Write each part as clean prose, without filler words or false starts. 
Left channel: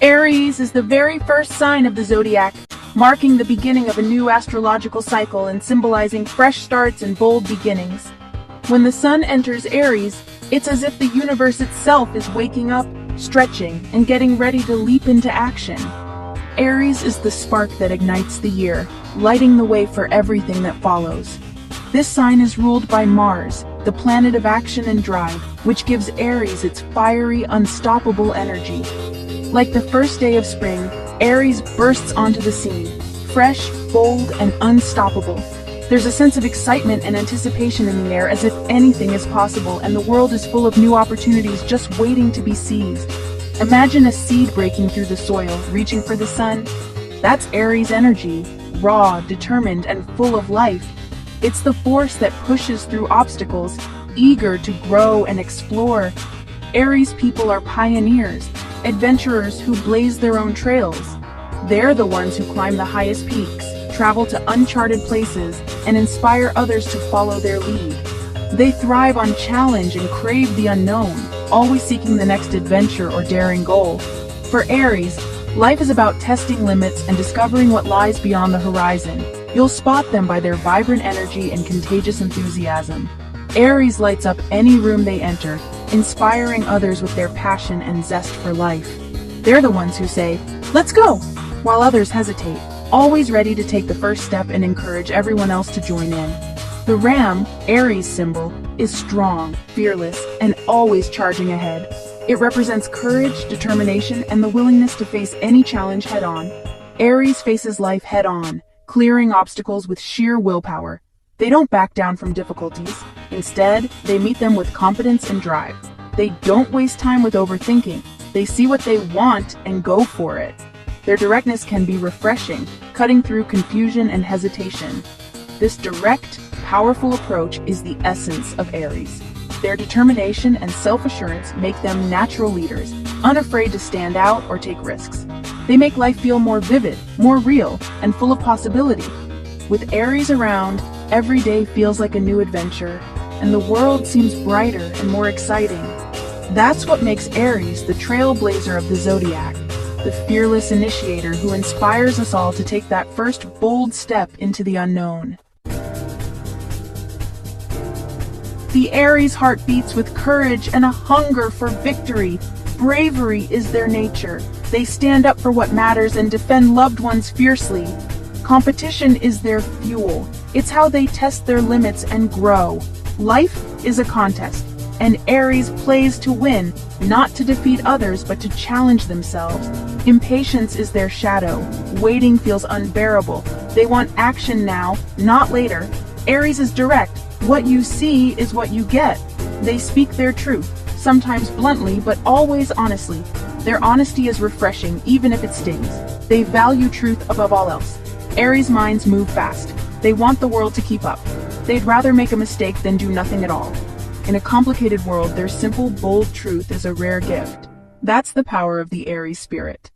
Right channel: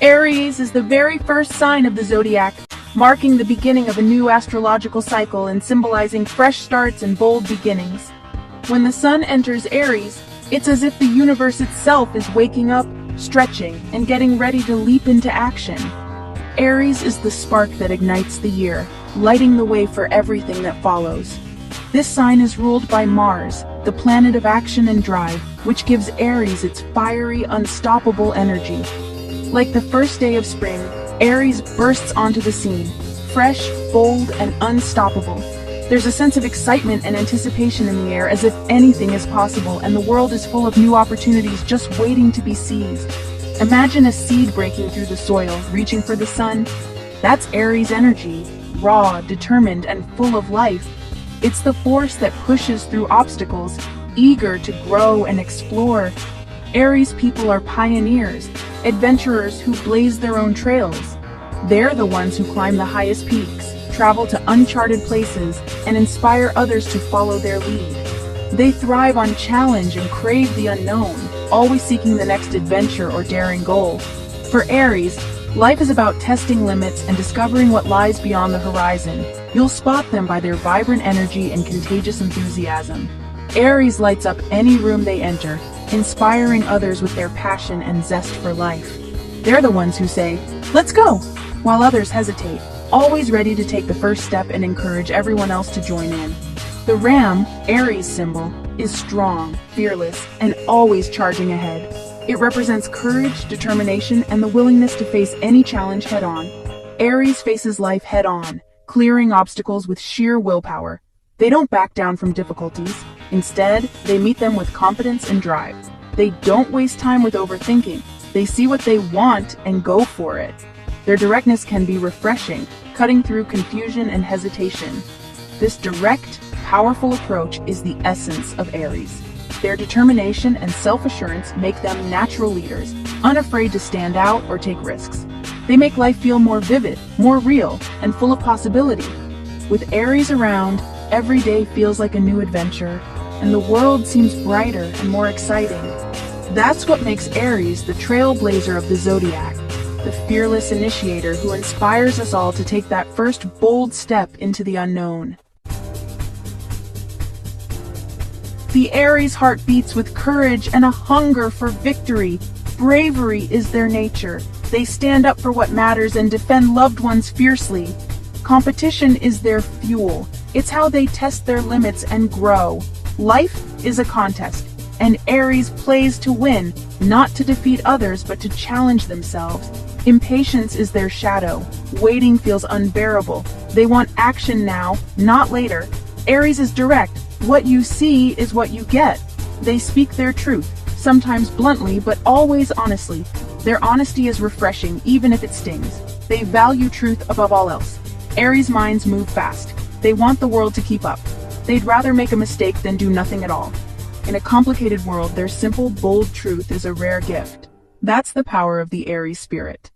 Aries is the very first sign of the zodiac, marking the beginning of a new astrological cycle and symbolizing fresh starts and bold beginnings. When the sun enters Aries, it's as if the universe itself is waking up, stretching, and getting ready to leap into action. Aries is the spark that ignites the year, lighting the way for everything that follows. This sign is ruled by Mars, the planet of action and drive, which gives Aries its fiery, unstoppable energy. Like the first day of spring, Aries bursts onto the scene, fresh, bold, and unstoppable. There's a sense of excitement and anticipation in the air, as if anything is possible and the world is full of new opportunities just waiting to be seized. Imagine a seed breaking through the soil, reaching for the sun. That's Aries energy, raw, determined, and full of life. It's the force that pushes through obstacles, eager to grow and explore. Aries people are pioneers, adventurers who blaze their own trails. They're the ones who climb the highest peaks, travel to uncharted places, and inspire others to follow their lead. They thrive on challenge and crave the unknown, always seeking the next adventure or daring goal. For Aries, life is about testing limits and discovering what lies beyond the horizon. You'll spot them by their vibrant energy and contagious enthusiasm. Aries lights up any room they enter, inspiring others with their passion and zest for life. They're the ones who say, "Let's go," while others hesitate, always ready to take the first step and encourage everyone else to join in. The ram, Aries symbol, is strong, fearless, and always charging ahead. It represents courage, determination, and the willingness to face any challenge head-on. Aries faces life head-on, clearing obstacles with sheer willpower. They don't back down from difficulties. Instead, they meet them with confidence and drive. They don't waste time with overthinking. They see what they want and go for it. Their directness can be refreshing, cutting through confusion and hesitation. This direct, powerful approach is the essence of Aries. Their determination and self-assurance make them natural leaders, unafraid to stand out or take risks. They make life feel more vivid, more real, and full of possibility. With Aries around, every day feels like a new adventure, and the world seems brighter and more exciting. That's what makes Aries the trailblazer of the zodiac, the fearless initiator who inspires us all to take that first bold step into the unknown. The Aries heart beats with courage and a hunger for victory. Bravery is their nature. They stand up for what matters and defend loved ones fiercely. Competition is their fuel. It's how they test their limits and grow. Life is a contest, and Aries plays to win, not to defeat others, but to challenge themselves. Impatience is their shadow. Waiting feels unbearable. They want action now, not later. Aries is direct. What you see is what you get. They speak their truth, sometimes bluntly, but always honestly. Their honesty is refreshing, even if it stings. They value truth above all else. Aries minds move fast. They want the world to keep up. They'd rather make a mistake than do nothing at all. In a complicated world, their simple, bold truth is a rare gift. That's the power of the Aries spirit.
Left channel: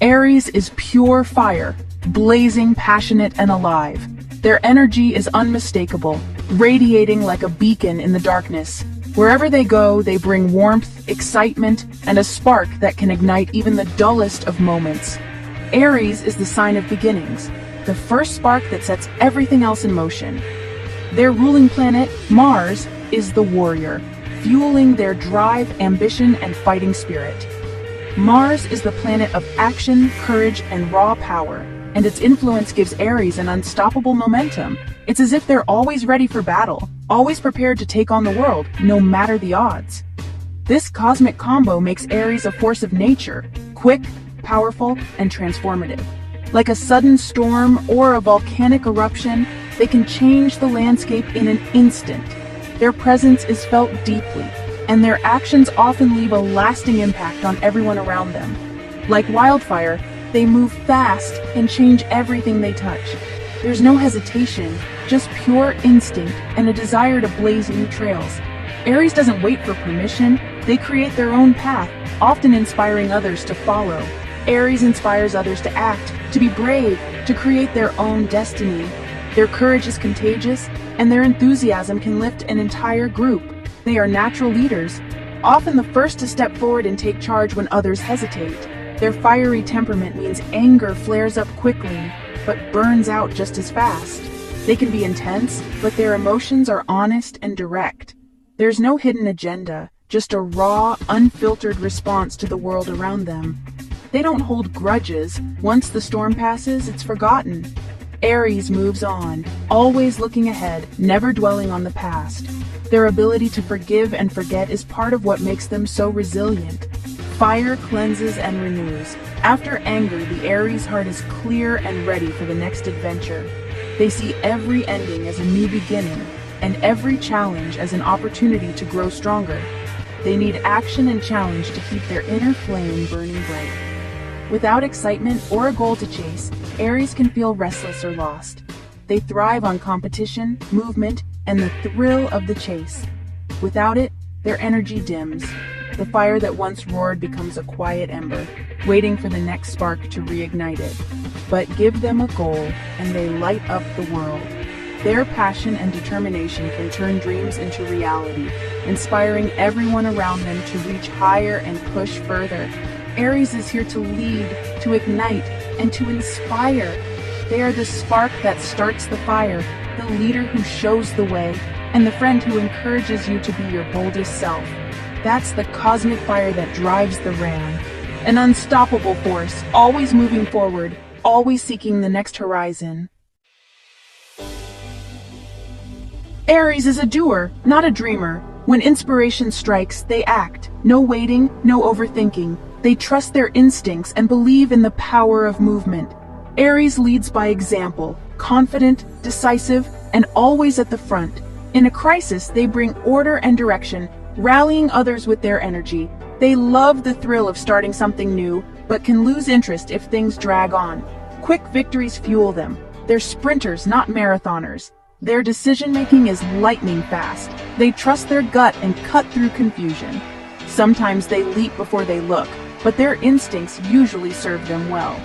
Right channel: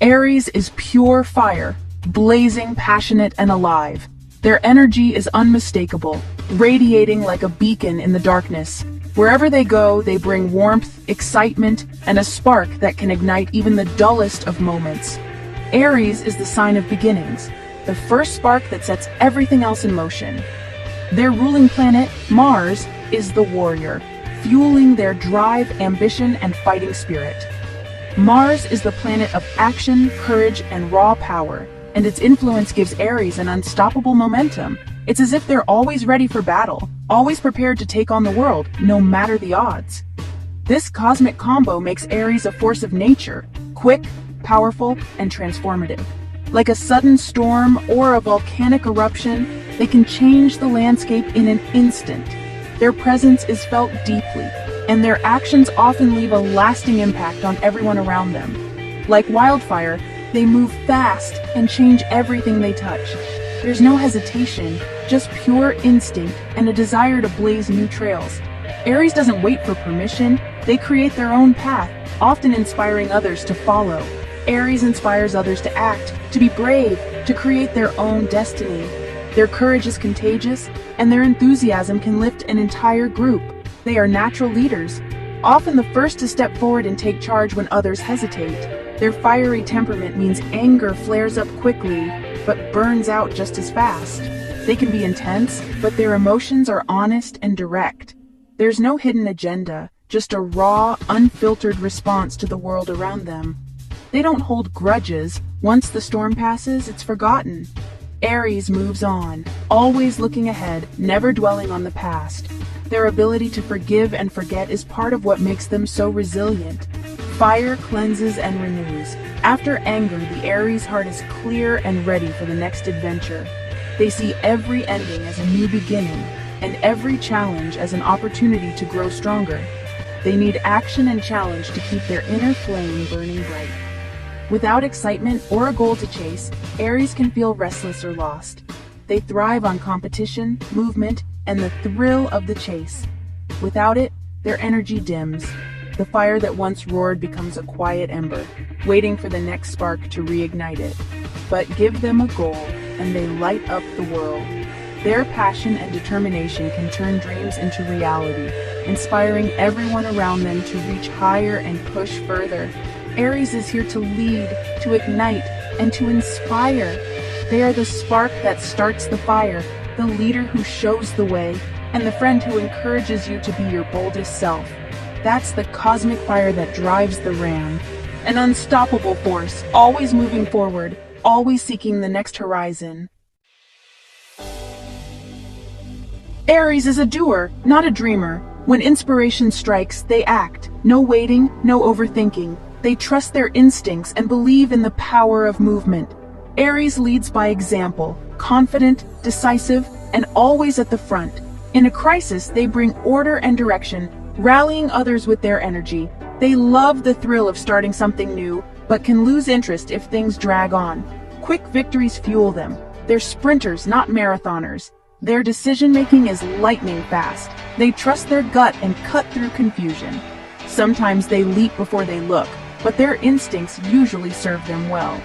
Aries is pure fire, blazing, passionate, and alive. Their energy is unmistakable, radiating like a beacon in the darkness. Wherever they go, they bring warmth, excitement, and a spark that can ignite even the dullest of moments. Aries is the sign of beginnings, the first spark that sets everything else in motion. Their ruling planet, Mars, is the warrior, fueling their drive, ambition, and fighting spirit. Mars is the planet of action, courage, and raw power, and its influence gives Aries an unstoppable momentum. It's as if they're always ready for battle, always prepared to take on the world, no matter the odds. This cosmic combo makes Aries a force of nature, quick, powerful, and transformative. Like a sudden storm or a volcanic eruption, they can change the landscape in an instant. Their presence is felt deeply, and their actions often leave a lasting impact on everyone around them. Like wildfire, they move fast and change everything they touch. There's no hesitation, just pure instinct and a desire to blaze new trails. Aries doesn't wait for permission, they create their own path, often inspiring others to follow. Aries inspires others to act, to be brave, to create their own destiny. Their courage is contagious, and their enthusiasm can lift an entire group. They are natural leaders, often the first to step forward and take charge when others hesitate. Their fiery temperament means anger flares up quickly, but burns out just as fast. They can be intense, but their emotions are honest and direct. There's no hidden agenda, just a raw, unfiltered response to the world around them. They don't hold grudges. Once the storm passes, it's forgotten. Aries moves on, always looking ahead, never dwelling on the past. Their ability to forgive and forget is part of what makes them so resilient. Fire cleanses and renews. After anger, the Aries heart is clear and ready for the next adventure. They see every ending as a new beginning, and every challenge as an opportunity to grow stronger. They need action and challenge to keep their inner flame burning bright. Without excitement or a goal to chase, Aries can feel restless or lost. They thrive on competition, movement, and the thrill of the chase. Without it, their energy dims. The fire that once roared becomes a quiet ember, waiting for the next spark to reignite it. But give them a goal, and they light up the world. Their passion and determination can turn dreams into reality, inspiring everyone around them to reach higher and push further. Aries is here to lead, to ignite, and to inspire. They are the spark that starts the fire, the leader who shows the way, and the friend who encourages you to be your boldest self. That's the cosmic fire that drives the ram. An unstoppable force, always moving forward, always seeking the next horizon. Aries is a doer, not a dreamer. When inspiration strikes, they act. No waiting, no overthinking. They trust their instincts and believe in the power of movement. Aries leads by example, confident, decisive, and always at the front. In a crisis, they bring order and direction, rallying others with their energy. They love the thrill of starting something new, but can lose interest if things drag on. Quick victories fuel them. They're sprinters, not marathoners. Their decision-making is lightning fast. They trust their gut and cut through confusion. Sometimes they leap before they look, but their instincts usually serve them well.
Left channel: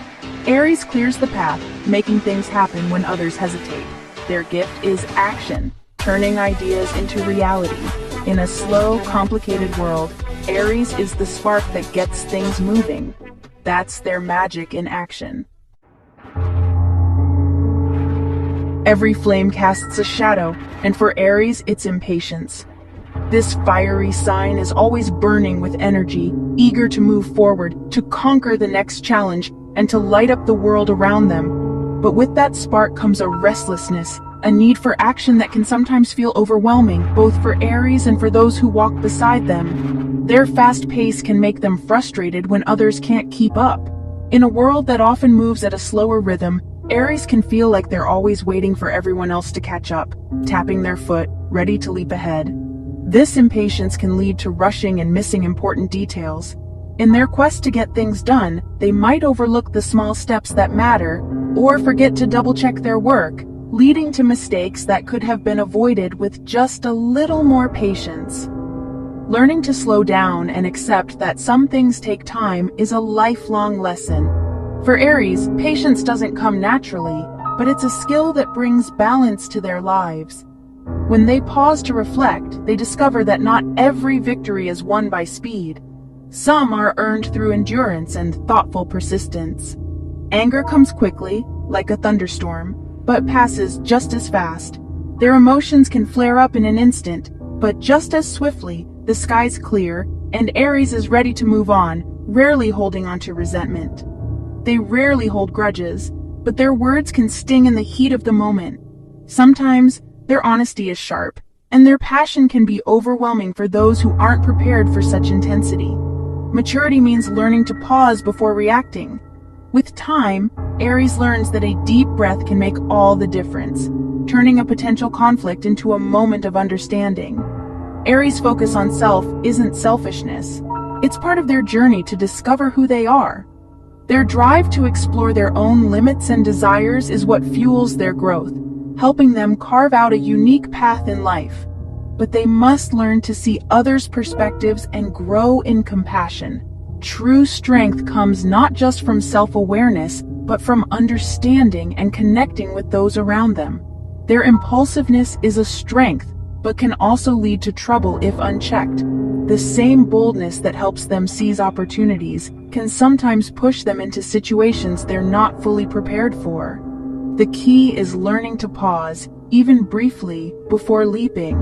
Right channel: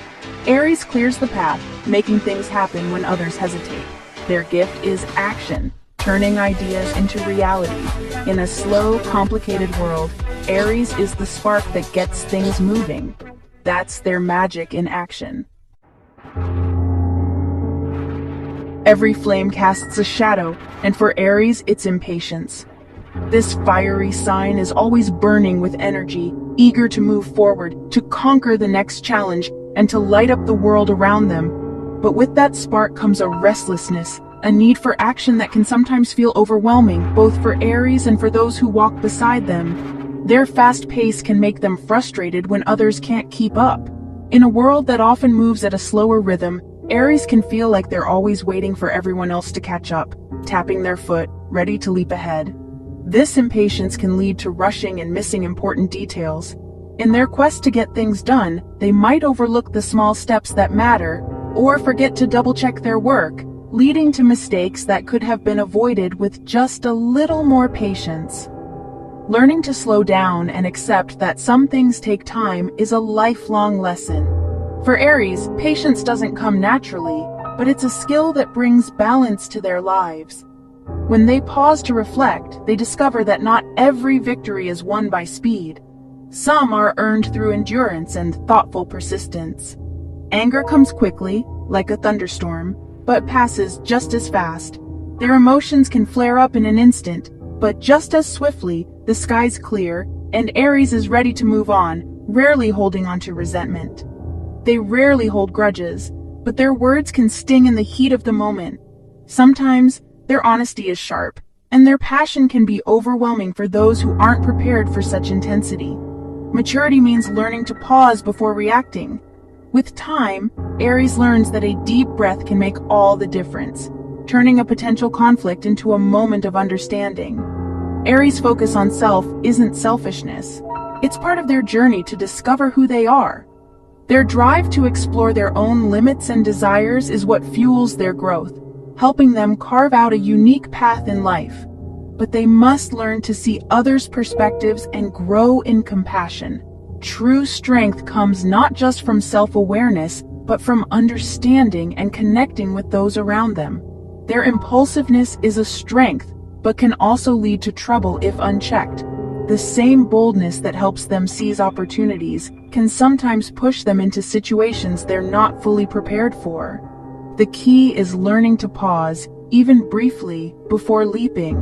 Aries clears the path, making things happen when others hesitate. Their gift is action, turning ideas into reality. In a slow, complicated world, Aries is the spark that gets things moving. That's their magic in action. Every flame casts a shadow, and for Aries, it's impatience. This fiery sign is always burning with energy, eager to move forward, to conquer the next challenge, and to light up the world around them. But with that spark comes a restlessness, a need for action that can sometimes feel overwhelming, both for Aries and for those who walk beside them. Their fast pace can make them frustrated when others can't keep up. In a world that often moves at a slower rhythm, Aries can feel like they're always waiting for everyone else to catch up, tapping their foot, ready to leap ahead. This impatience can lead to rushing and missing important details. In their quest to get things done, they might overlook the small steps that matter, or forget to double-check their work, leading to mistakes that could have been avoided with just a little more patience. Learning to slow down and accept that some things take time is a lifelong lesson. For Aries, patience doesn't come naturally, but it's a skill that brings balance to their lives. When they pause to reflect, they discover that not every victory is won by speed. Some are earned through endurance and thoughtful persistence. Anger comes quickly, like a thunderstorm, but passes just as fast. Their emotions can flare up in an instant, but just as swiftly, the skies clear, and Aries is ready to move on, rarely holding on to resentment. They rarely hold grudges, but their words can sting in the heat of the moment. Sometimes, their honesty is sharp, and their passion can be overwhelming for those who aren't prepared for such intensity. Maturity means learning to pause before reacting. With time, Aries learns that a deep breath can make all the difference, turning a potential conflict into a moment of understanding. Aries' focus on self isn't selfishness. It's part of their journey to discover who they are. Their drive to explore their own limits and desires is what fuels their growth, helping them carve out a unique path in life. But they must learn to see others' perspectives and grow in compassion. True strength comes not just from self-awareness, but from understanding and connecting with those around them. Their impulsiveness is a strength, but can also lead to trouble if unchecked. The same boldness that helps them seize opportunities can sometimes push them into situations they're not fully prepared for. The key is learning to pause, even briefly, before leaping.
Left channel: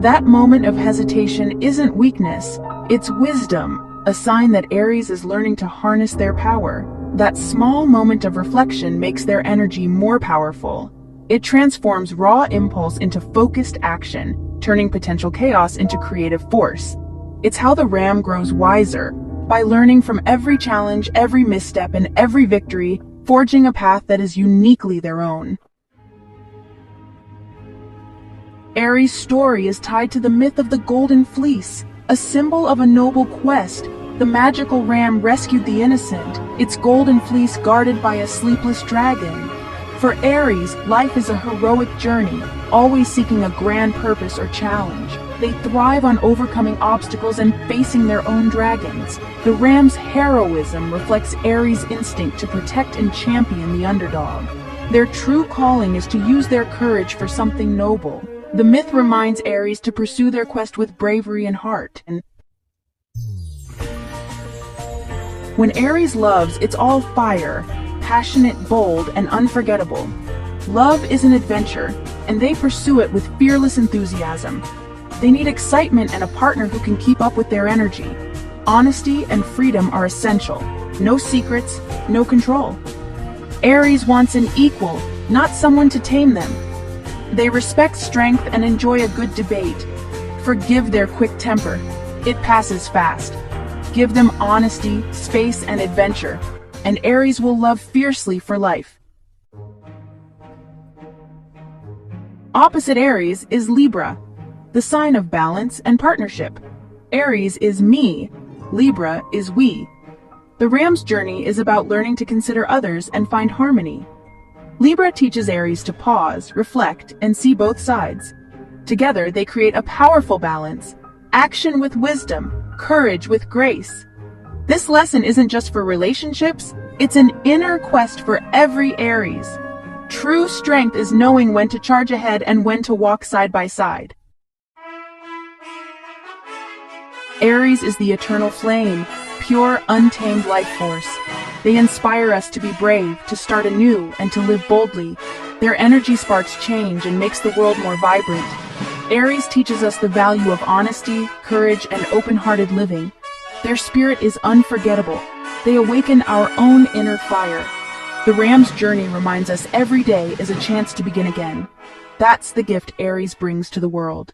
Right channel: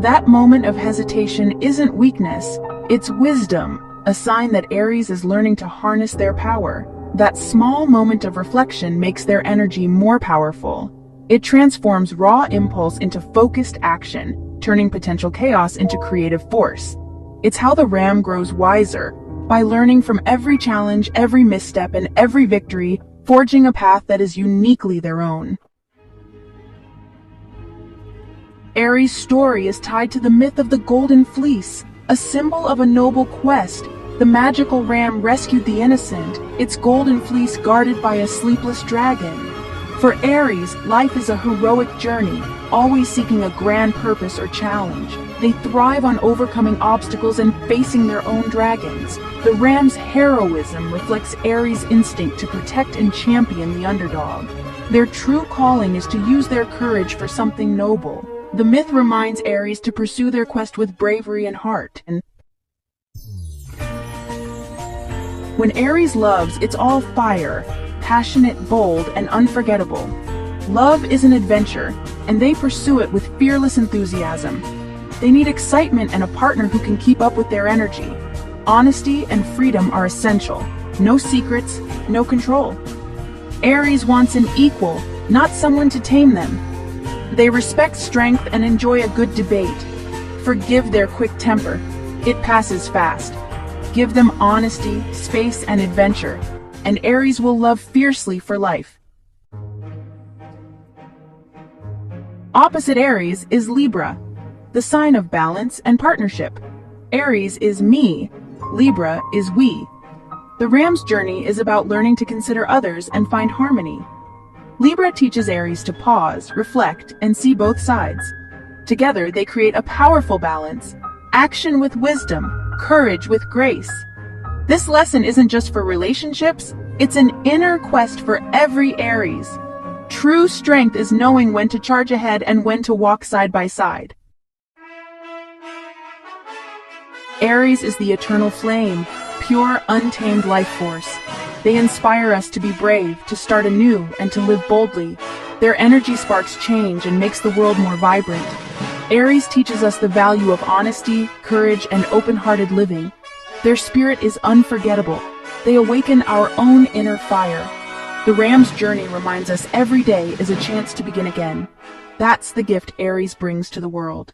That moment of hesitation isn't weakness, it's wisdom, a sign that Aries is learning to harness their power. That small moment of reflection makes their energy more powerful. It transforms raw impulse into focused action, turning potential chaos into creative force. It's how the ram grows wiser, by learning from every challenge, every misstep, and every victory, forging a path that is uniquely their own. Aries' story is tied to the myth of the Golden Fleece, a symbol of a noble quest. The magical ram rescued the innocent, its golden fleece guarded by a sleepless dragon. For Aries, life is a heroic journey, always seeking a grand purpose or challenge. They thrive on overcoming obstacles and facing their own dragons. The ram's heroism reflects Aries' instinct to protect and champion the underdog. Their true calling is to use their courage for something noble. The myth reminds Aries to pursue their quest with bravery and heart. When Aries loves, it's all fire, passionate, bold, and unforgettable. Love is an adventure, and they pursue it with fearless enthusiasm. They need excitement and a partner who can keep up with their energy. Honesty and freedom are essential. No secrets, no control. Aries wants an equal, not someone to tame them. They respect strength and enjoy a good debate. Forgive their quick temper. It passes fast. Give them honesty, space, and adventure, and Aries will love fiercely for life. Opposite Aries is Libra, the sign of balance and partnership. Aries is me, Libra is we. The ram's journey is about learning to consider others and find harmony. Libra teaches Aries to pause, reflect, and see both sides. Together, they create a powerful balance, action with wisdom, courage with grace. This lesson isn't just for relationships, it's an inner quest for every Aries. True strength is knowing when to charge ahead and when to walk side by side. Aries is the eternal flame, pure, untamed life force. They inspire us to be brave, to start anew, and to live boldly. Their energy sparks change and makes the world more vibrant. Aries teaches us the value of honesty, courage, and open-hearted living. Their spirit is unforgettable. They awaken our own inner fire. The ram's journey reminds us every day is a chance to begin again. That's the gift Aries brings to the world.